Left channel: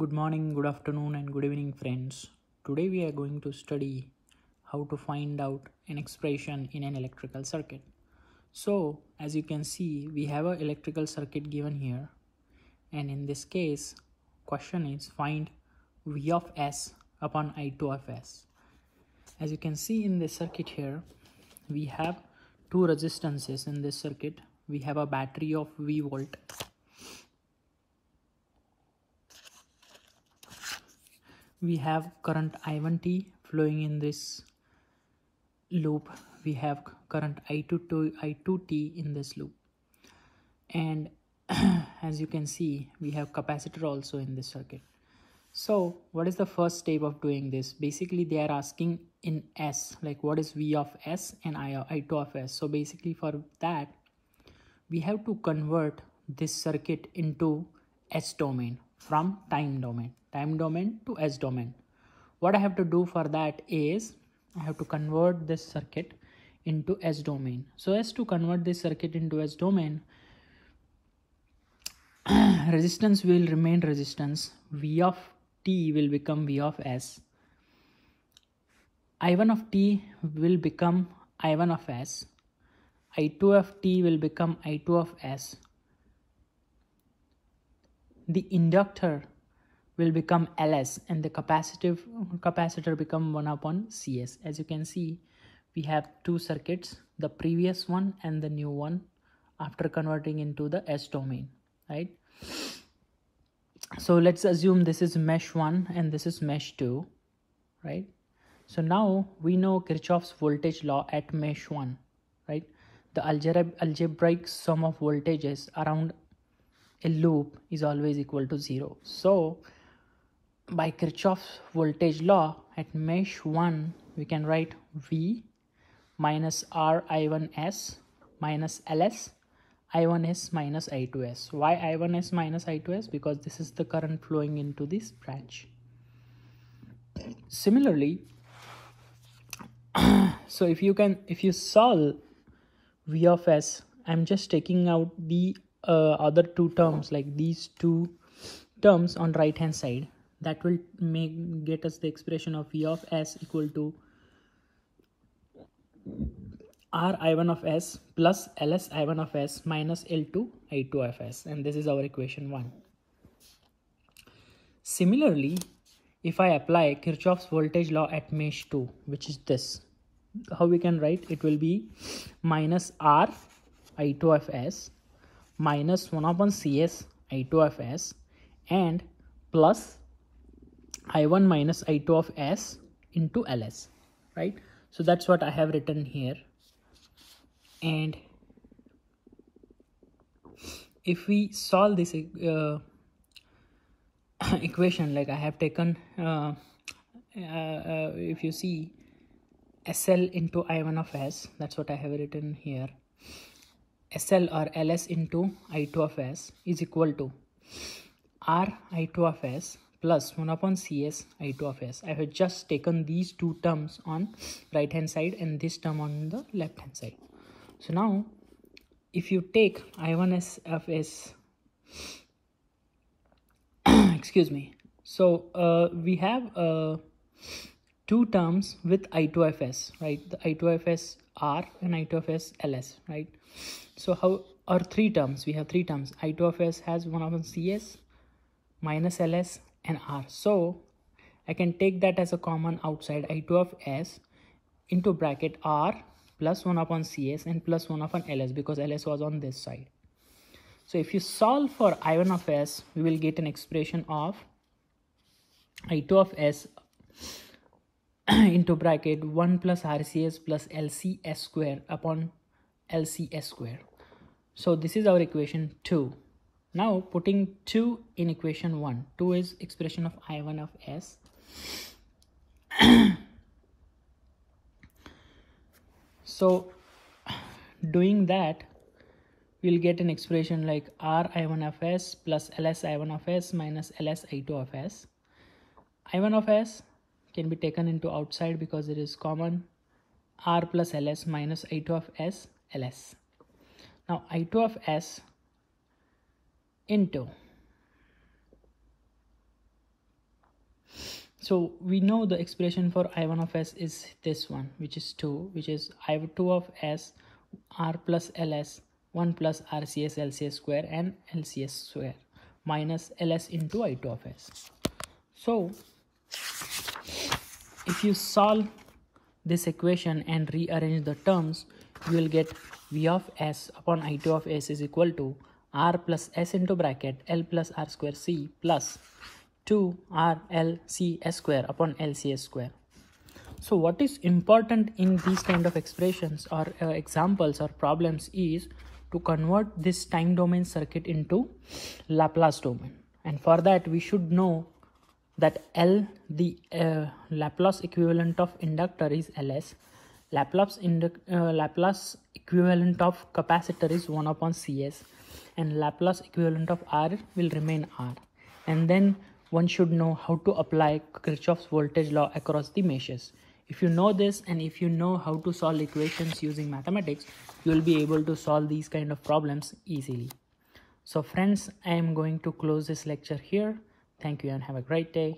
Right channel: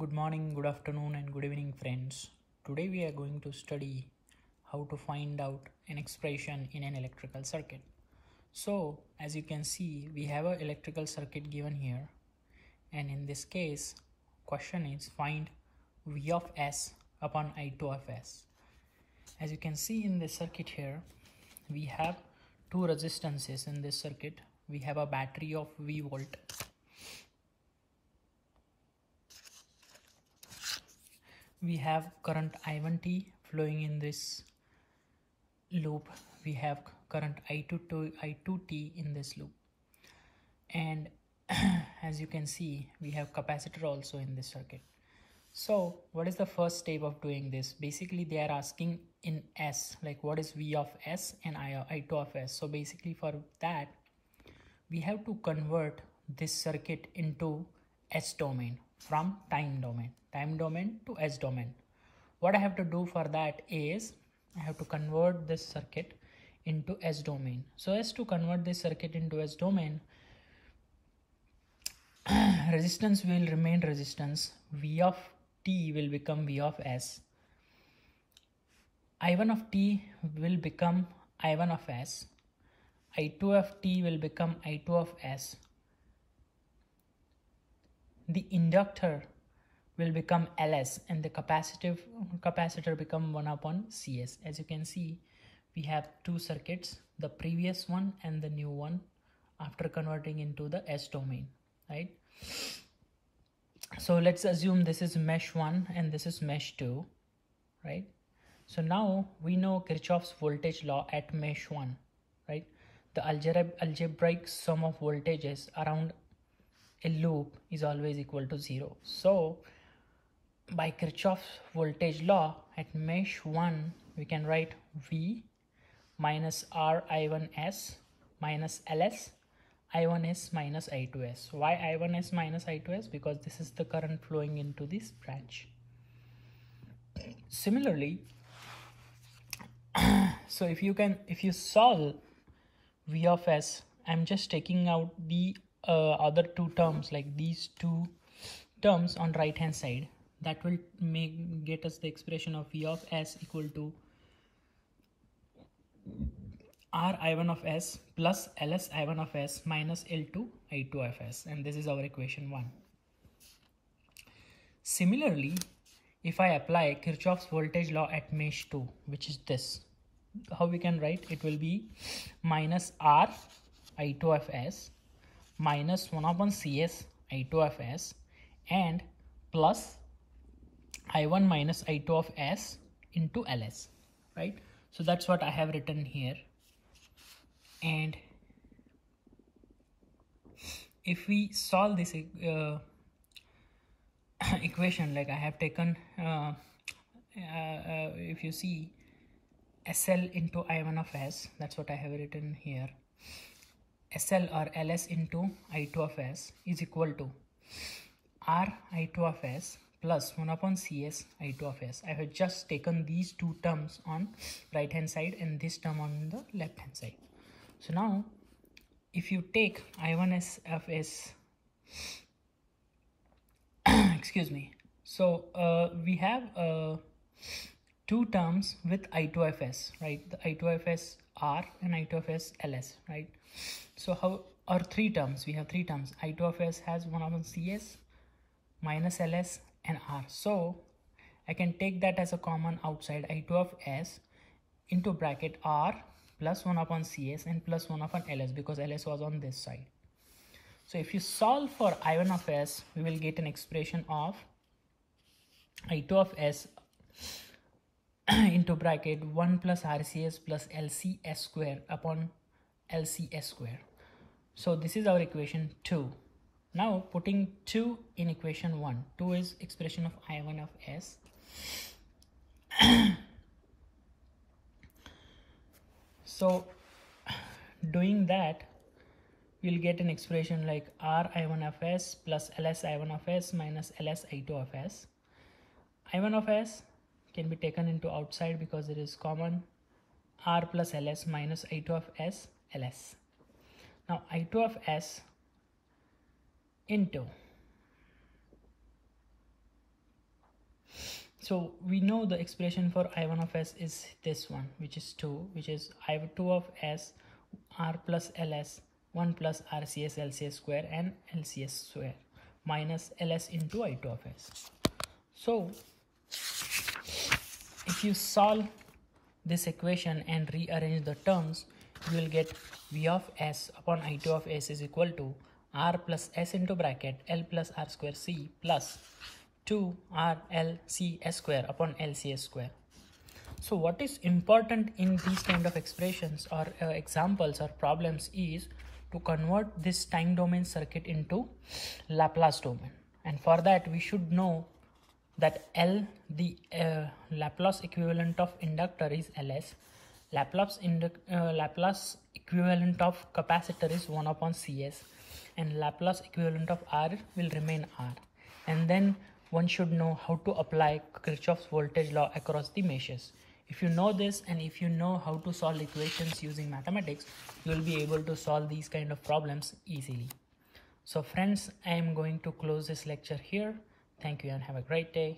Good morning, good afternoon, and good evening, friends. Today we are going to study how to find out an expression in an electrical circuit. So, as you can see, we have an electrical circuit given here, and in this case, question is find V of S upon I2 of S. As you can see in this circuit here, we have two resistances in this circuit. We have a battery of V volt. We have current I1t flowing in this loop. We have current I2t in this loop. And as you can see, we have capacitor also in this circuit. So what is the first step of doing this? Basically, they are asking in S, like what is V of S and I2 of S. So basically for that, we have to convert this circuit into S domain from time domain to S domain. What I have to do for that is I have to convert this circuit into S domain. So as to convert this circuit into S domain, resistance will remain resistance. V of t will become V of S. I1 of t will become I1 of S. I2 of t will become I2 of S. The inductor will become Ls and the capacitor become 1 upon Cs. As you can see, we have two circuits, the previous one and the new one, after converting into the S domain, right? So let's assume this is mesh 1 and this is mesh 2, right? So now we know Kirchhoff's voltage law at mesh 1, right? The algebraic sum of voltages around a loop is always equal to 0. So by Kirchhoff's voltage law at mesh 1, we can write V minus R I1S minus Ls I1S minus I2S. Why I1S minus I2S? Because this is the current flowing into this branch. Similarly, so if you solve V of S, I'm just taking out the other two terms, like these two terms on right hand side. That will get us the expression of V of S equal to R I1 of S plus Ls I1 of S minus L2 I2 of S, and this is our equation 1. Similarly, if I apply Kirchhoff's voltage law at mesh 2, which is this, how we can write? It will be minus R I2 of S minus 1 upon Cs I2 of S and plus I1 minus I2 of S into Ls, right? So that's what I have written here. And if we solve this equation, like I have taken, if you see SL into I1 of S, that's what I have written here. SL or Ls into I2 of S is equal to R I2 of S plus 1 upon Cs I2 of S. I have just taken these two terms on right hand side and this term on the left hand side. So now if you take I1S of S, excuse me, so we have two terms with I2 of S, right? The I2 of S R and I2 of S Ls, right? So how, or three terms, we have three terms. I2 of S has 1 upon Cs minus Ls and R. So I can take that as a common outside, I2 of S into bracket R plus 1 upon Cs and plus 1 upon Ls, because Ls was on this side. So if you solve for I1 of S, we will get an expression of I2 of S into bracket 1 plus RCS plus LCS square upon LCS square. So this is our equation 2. Now putting 2 in equation 1, 2 is expression of I1 of S. So doing that, we'll get an expression like R I1 of S plus Ls I1 of S minus Ls I2 of S. I1 of S can be taken into outside because it is common. R plus Ls minus I2 of S Ls. Now I2 of S into So we know the expression for I1 of s is this one, which is 2, which is I2 of s r plus ls 1 plus RCS LCS square and LCS square minus ls into I2 of s. So if you solve this equation and rearrange the terms, you will get V of s upon I2 of s is equal to r plus s into bracket l plus r square c plus 2 r l c s square upon LCS square. So what is important in these kind of expressions or examples or problems is to convert this time domain circuit into Laplace domain, and for that we should know that L, the Laplace equivalent of inductor, is Ls. Laplace equivalent of capacitor is 1 upon Cs, and Laplace equivalent of R will remain R. And then one should know how to apply Kirchhoff's voltage law across the meshes. If you know this, and if you know how to solve equations using mathematics, you will be able to solve these kind of problems easily. So friends, I am going to close this lecture here. Thank you and have a great day.